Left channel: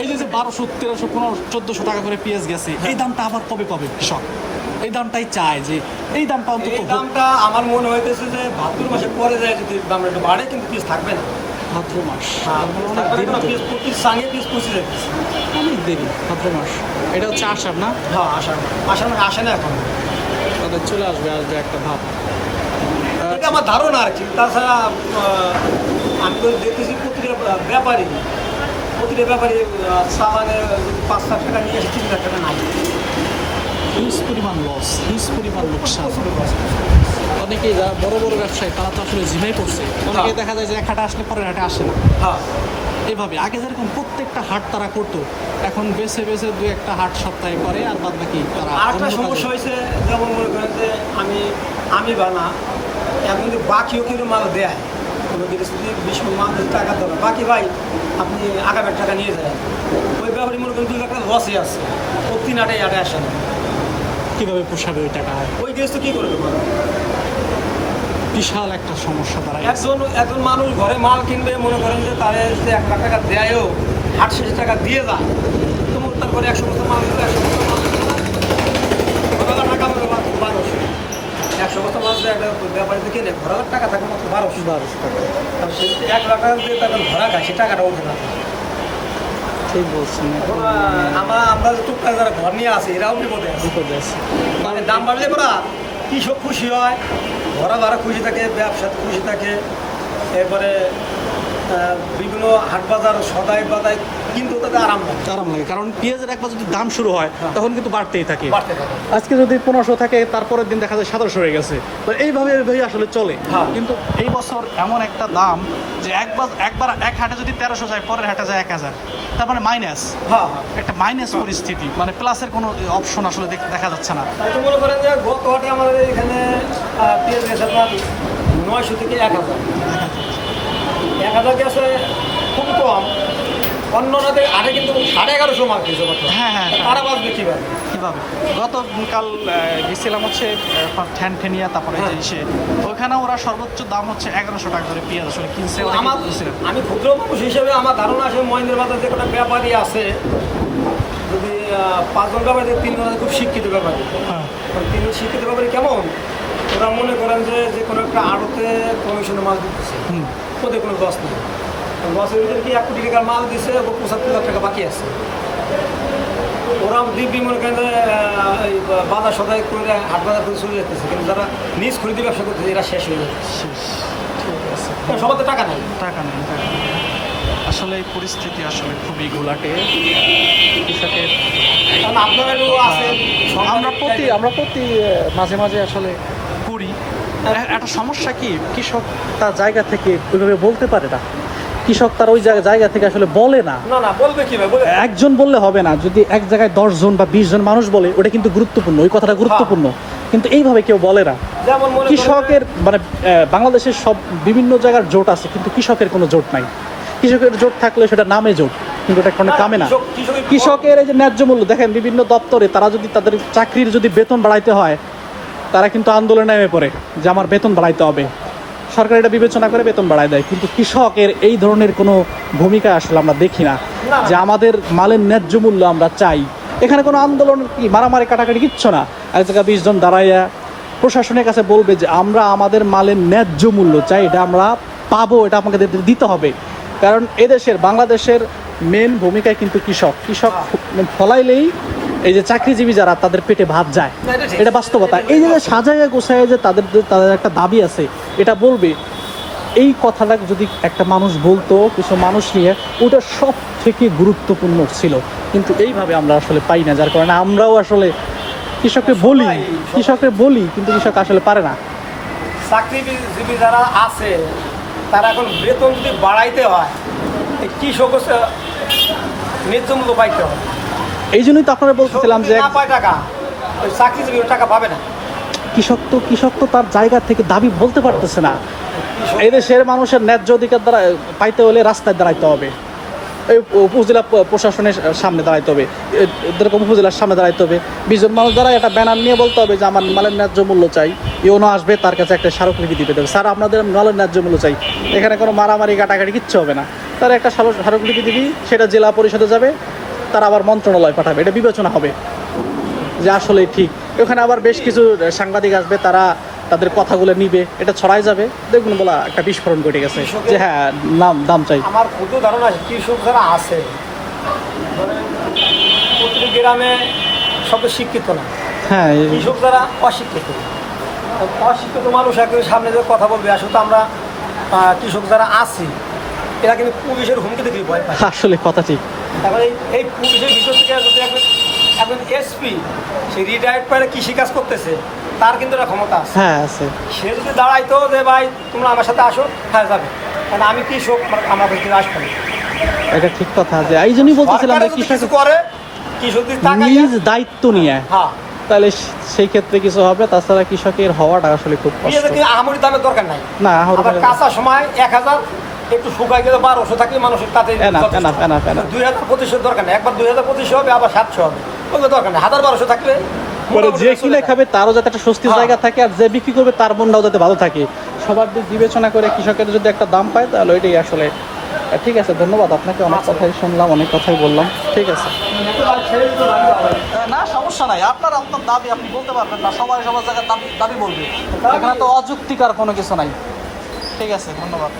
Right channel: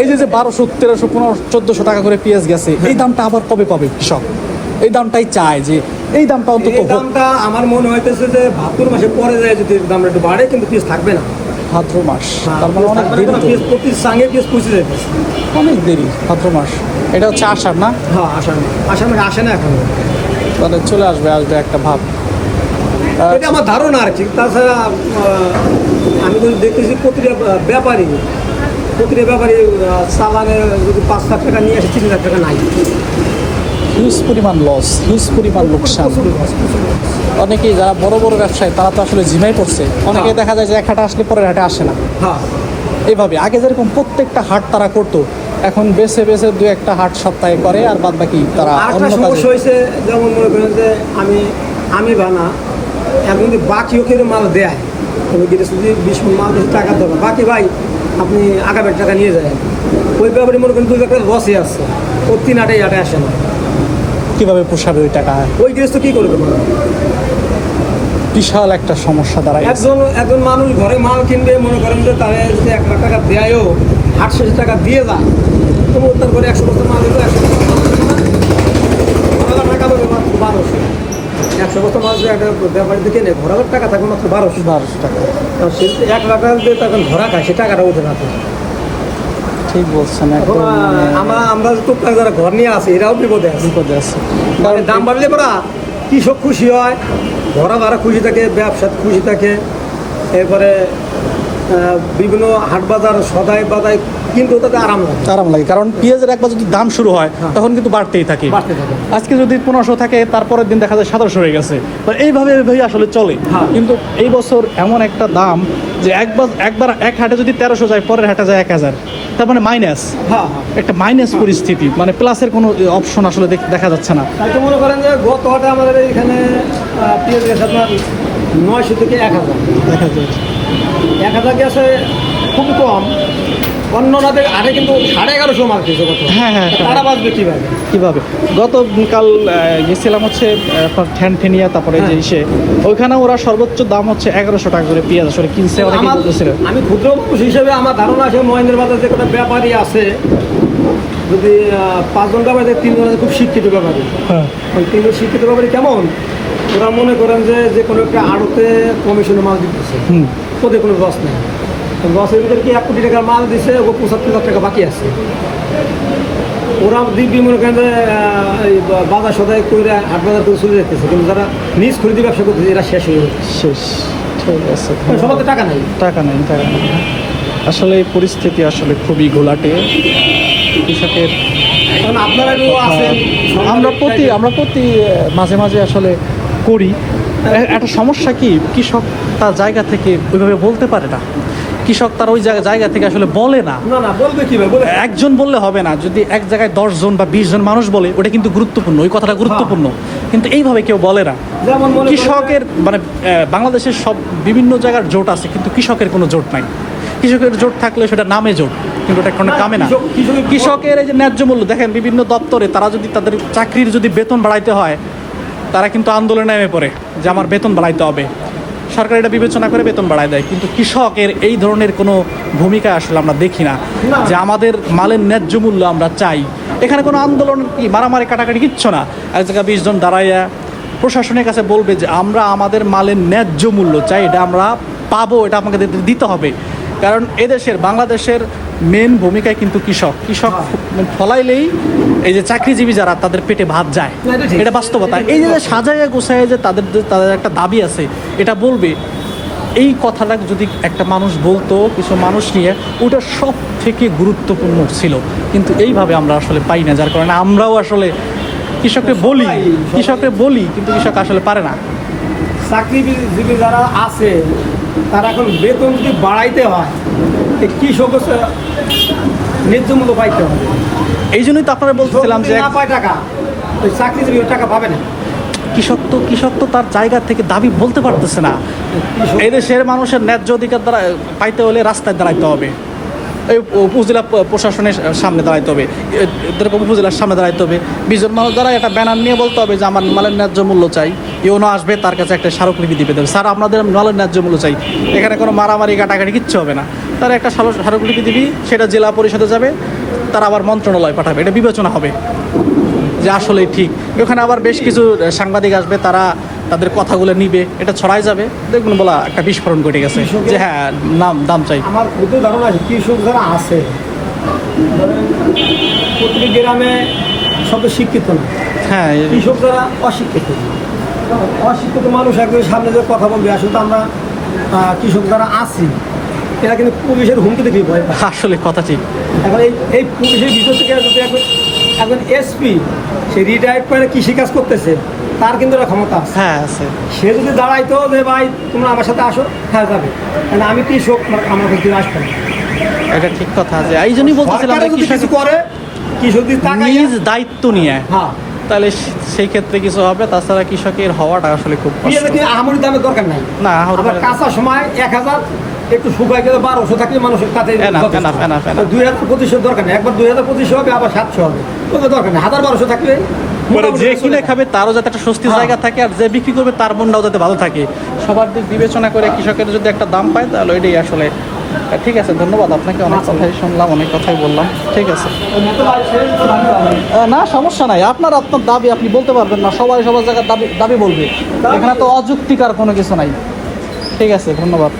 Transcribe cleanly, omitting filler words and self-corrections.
এই যে 1200, 1300, 1500, 1400 টাকা করে পেঁয়াজ গেছে, এই দামটা আবার কবে পাবে কৃষক? এই দামটাই চায় যে এই দামটা অন্তত এই দামটা আমার মনে হইতেছে যে ভাদ্র মাসে পরে যায় যদি দামটা একটু বাড়ে, কিন্তু পেঁয়াজ থাকবে না। ভাদ্র মাস, তার মানে অনেক দেরি তো। পেঁয়াজ প্রতি সঙ্গে পেঁয়াজ পৌঁছে যাইতেছে, অনেক দেরি ভাদ্র মাস। এটা হচ্ছে আষাঢ় না? হ্যাঁ আষাঢ় মানে আসে না এখন, তাহলে চলে আসবে একটা ভাব। এটা আমার ধারণা আর কি। তাছাড়া আমি কিন্তু দেখতেছি প্রতিটা ব্যাপারী চালানে যদি 5 লাখ টাকা নিয়ে আসে, 3 লাখ টাকা নাই। হিউজ পরিমাণ লস, হিউজ পরিমাণ লোকসান। অনেকেই যারা বড় বড় ব্যবসায়ী তারা তো আসলে জিমাই পড়ছে। অনেকে দেখা যায় যে এক হাটে আসলে পরের হাটে আসে না। হ্যাঁ, এইভাবে আগে যেরকম প্রত্যেকটা হাট তারা করতো, এখন বেছে বেছে 2-1টা হাট সপ্তাহে করে, আর বাদ বাকি তারা আরেকটা অন্য সমস্যা কাজে। হয়েছে, যেমন মনে করেন যে আমি বানা এখন যদি বাকি ওকে মাল দেয়, তুমি গেলে যদি 20 মণ মাল দিয়ে টাকা দেবে, বাকি ভাই আপনি আগামের টাকা নিয়ে যায়, ওই ব্যাপারে মনে করেন 2 লাখ টাকা লসে আছে, ও 3 হাটে আসে না। কিভাবে পোষাবে ওই টাকা? ওই জিনিস তো কী করে দেবো? বিশাল একটা সমস্যা দাঁড়ায়। একজন মানুষ ঘরে মাল কিনবে, মনে করেন যে তাহলে যদি 1 লাখ টাকা দেয়ও, 800 টাকা দিয়ে যায়, তবু তার করে 100 বস্তা মাল দেবে, 100 বস্তা মাল ঘোরাবার টাকা দেবে মাত্র 1200। 100 বস্তা মাল যে একটা ব্যাপারে দিকে নেই, ঘোরাবার টাকা থাকবে মাত্র 1200 টাকা। সে 1 লাখ টাকা দিয়ে তখন ঘোরা খায়, সে টাকাটা উঠে না। ঠিক বলছেন, একদম আমরা টুকটাক যারা ঘর নিয়ে আসি, এরাও বিপদে আছে। কারণ দাম বাড়লে পরা কৃষক খুশি হয়, ঘোরা ভাড়া খুশি থাকে, ব্যবসা খুশি থাকে, এরপরে বিভিন্ন হাট বাজার সদাই বাজায় কিন্তু তাতে আরাম লাগে। কারণ পেঁয়াজের একবার যদি দাম শুরু হয় তখন কিন্তু বাড়তেই থাকে। আজকে যদি 1500 থাকে, তারপরের দিন দেখা যায় 1700 হয়ে গেছে। এইভাবে আসলে চলে। কিন্তু এই বছর এমন একটা দাম যে একবার এক হাটে যদি 1300 যায়, পরের হাটে যায় 1000, তার মানে মাইনাস। একটা মাইনাস পরিস্থিতি, মানে প্লাসের কোনো অপশন আসলে দেখা যাচ্ছে না। তো মনে করেন যে গত হাটে আমাদের এখানে পেঁয়াজ আপনার 900 থেকে 1000 গেছে, খুব কম। অন্য আগে কিন্তু 1150 মাল দিয়েছে। হ্যাঁ, তারা বাঁচবে কীভাবে? গতকাল গেছিলাম হচ্ছে ঠ্যানঠেনিয়া, তারপরে যে ওইখানে ওরা সর্বোচ্চ দাম হচ্ছে 1100 টাকা করে পেঁয়াজ আসলে কিনছে। আমি ক্ষুদ্র মানুষ হিসেবে আমার ধারণা আছে, মহেন্দ্র বাজার যে কটা ব্যাপারী আছে, যদি 5 জন ব্যাপারী, 3 জন খুব শিক্ষিত ব্যাপারী। 3 জন শিক্ষিত ব্যাপারী কেমন, ওরা মনে করেন যে কোনো একটা আড়তে কমিশনের মাল দিতেছে, ওদের কোনো লস নেই। লসের ভিতরে কি 1 কোটি টাকার মাল দিছে, ও 75 লাখ টাকা বাকি আছে। ওরা দিব্যি মনে করেন যে বাজার সদাই করে হাট বাজার করে চলে যেতেছে, কিন্তু যারা নিজ খরিদি ব্যবসা করতেছে এরা শেষ হয়ে শেষ। ঠিক আছে, সবার টাকা নেই। আসলে এই পরিস্থিতি আসলে খুবই ঘোলাটে কৃষকের। আমরা প্রতি মাঝে মাঝে আসলে করি। একটা সমস্যা কি, কৃষক তার জায়গা থেকে ওইভাবে বলতে পারে না। কৃষক তার ওই জায়গা থেকে আসলে বলে না। একজন বললে হবে না, যদি এক জায়গায় 10 জন বা 20 জন মানুষ বলে, ওটা কিন্তু গুরুত্বপূর্ণ, ওই কথাটা গুরুত্বপূর্ণ। কিন্তু এইভাবে কেউ বলে না। কৃষকের মানে বাংলাদেশের সব বিভিন্ন জায়গার জোট আছে, কিন্তু কৃষকের কোনো জোট নাই। কৃষকের জোট থাকলে সেটা নামে জোট, কিন্তু এটা কোনো কামে না। কৃষকের এই যে ন্যায্য মূল্য দেখেন, বিভিন্ন দপ্তরে তারা যদি তাদের চাকরির যদি বেতন বাড়াইতে হয়, তারা কিন্তু আন্দোলনে নেমে পড়ে যে আমার বেতন বাড়াইতে হবে। সরকার এটা বিবেচনা করে বেতন বাড়ায় দেয়, কিন্তু কৃষকের এই ধরনের কোনো ভূমিকা আসলে আমরা দেখি না, যে আমাদের মালের ন্যায্য মূল্য আমরা চাই। এখানে কোনো আন্দোলন কি মারামারি কাটাকাটি কিচ্ছু না। এক জায়গায় 20 জন দাঁড়াইয়া প্রশাসনের কাছে বলবে যে আমরা আমাদের মালের ন্যায্য মূল্য চাই, এটা আমরা পাবো, এটা আমাকে দিতে হবে। কারণ এদেশের বাংলাদেশের মেন ভূমিকায় কিন্তু কৃষক ফলাইলেই এই যে চাকরিজীবী যারা, তাদের পেটে ভাত যায়, এটা বাস্তবতা। এই যে সাজায় গোছায় যে তাদের একটা দাবি আছে, এটা বলবে, এই কথাটা যদি একটা মানুষ বলতো, কিছু মানুষ নিয়ে, ওটা সব থেকে গুরুত্বপূর্ণ ছিল। কিন্তু এইভাবে আমরা আসলে পাই না, যার কারণে আমরাও আসলে কৃষককে বলি, কিন্তু কৃষক আসলে পারে না। চাকরিজীবী যারা আছে, তারা এখন বেতন যদি বাড়াইতে হয়, কৃষক ন্যায্য মূল্য পাইতে হবে। এই জন্যই তো আপনারা বলছিলাম যে না পায় টাকা, ওই চাকরিজীবী টাকা পাবে না। কৃষক তো তার জায়গা থেকে দাবি বলতে পারতেছে না। এদেশের মানুষের ন্যায্য অধিকার পাইতে হলে রাস্তায় দাঁড়াইতে হবে। এই উপজেলা প্রশাসনের সামনে দাঁড়াইতে হবে, এরকম উপজেলার সামনে দাঁড়াইতে হবে, বিজন মানুষ দ্বারা একটা ব্যানার নিয়ে বলতে হবে যে আমার মালের ন্যায্য মূল্য চাই। ইউনো আসবে, তার কাছে একটা স্মারকলিপি দিবে দেবে, স্যার আপনাদের মালের ন্যায্য মূল্য চাই, এখানে কোনো মারামারি কাটাকাটি কিচ্ছু হবে না। তার একটা স্মারকলিপি দিবি, সেটা জেলা পরিষদে যাবে, তারা আবার মন্ত্রণালয় পাঠাবে, এটা বিবেচনা হবে যে আসলে ঠিক। ওখানে আবার বেশ কিছু সাংবাদিক আসবে, তারা তাদের কথাগুলো নিবে, এটা ছড়াই যাবে, দেখবেন বলা একটা বিস্ফোরণ ঘটে গেছে যে হ্যাঁ দাম চাই। আমার বুদ্ধ ধারণা আছে কৃষক যারা আছে প্রত্যেক গ্রামে সব শিক্ষিত না, হ্যাঁ কৃষক যারা অশিক্ষিত, অশিক্ষিত মানুষ একজন সামনে যে কথা বলবে, আসলে তো আমরা কৃষক যারা আছি এরা কিন্তু পুলিশের হুমকি দেখে ভয় পায়। আসলে কথা ঠিক। এখন এই পুলিশের ভিতর থেকে যদি একজন এসপি সে রিটায়ার্ড করে কৃষিকাজ করতেছে, তার কিন্তু একটা ক্ষমতা আছে। হ্যাঁ আছে। সে যদি দাঁড়াইতো যে ভাই তোমরা আমার সাথে আসো, হ্যাঁ যাবে, কারণ আমি কৃষক, আমার কিন্তু আসবে না। এটা ঠিক কথা, যে এই জন্যই সরকারও যদি কিছু বলতেছিলাম করে কৃষক যদি তাকাইয়া, নিজ দায়িত্ব নিয়ে, হ্যাঁ তাহলে সেই ক্ষেত্রে কিছু হবে। তাছাড়া কৃষকের হওয়াটা আসলে খুব কৃষকের কি আহামরি দামের দরকার নাই। না, আবার কাঁচা সময় 1000 একটু শুকাই গেলে 1200 থাকলে মানুষের কাছে না, যথেষ্ট। না, না, না। তো 2025 দরকার নেই, একবার 2025 হবে, আবার 700 হবে, কোনো দরকার নেই। 1000-1200 থাকলে মোটামুটি যে চলে কিনে যায়। খাবে তারও যাতে একটা স্বস্তির হ্যাঁ। জায়গা থাকে, আর যে বিক্রি করবে তার মনটাও যাতে ভালো থাকে, সবার দিক বিবেচনা করে কৃষকের যদি একটা দাম পায়, তাহলে এটাই আসলে ঠিক আছে। ধন্যবাদ আপনাকে, আচ্ছা। শুনলাম, অনেক কথাই বললাম, ঠিক আছে। না সমস্যা নাই, আপনার আপনার দাবি আপনি বলতে পারবেন না, সবাই সবার জায়গায় দাবি দাবি বলবে, এখানে তো অযুক্তিকার কোনো কিছু নাই। ঠিক আছে, ধন্যবাদ।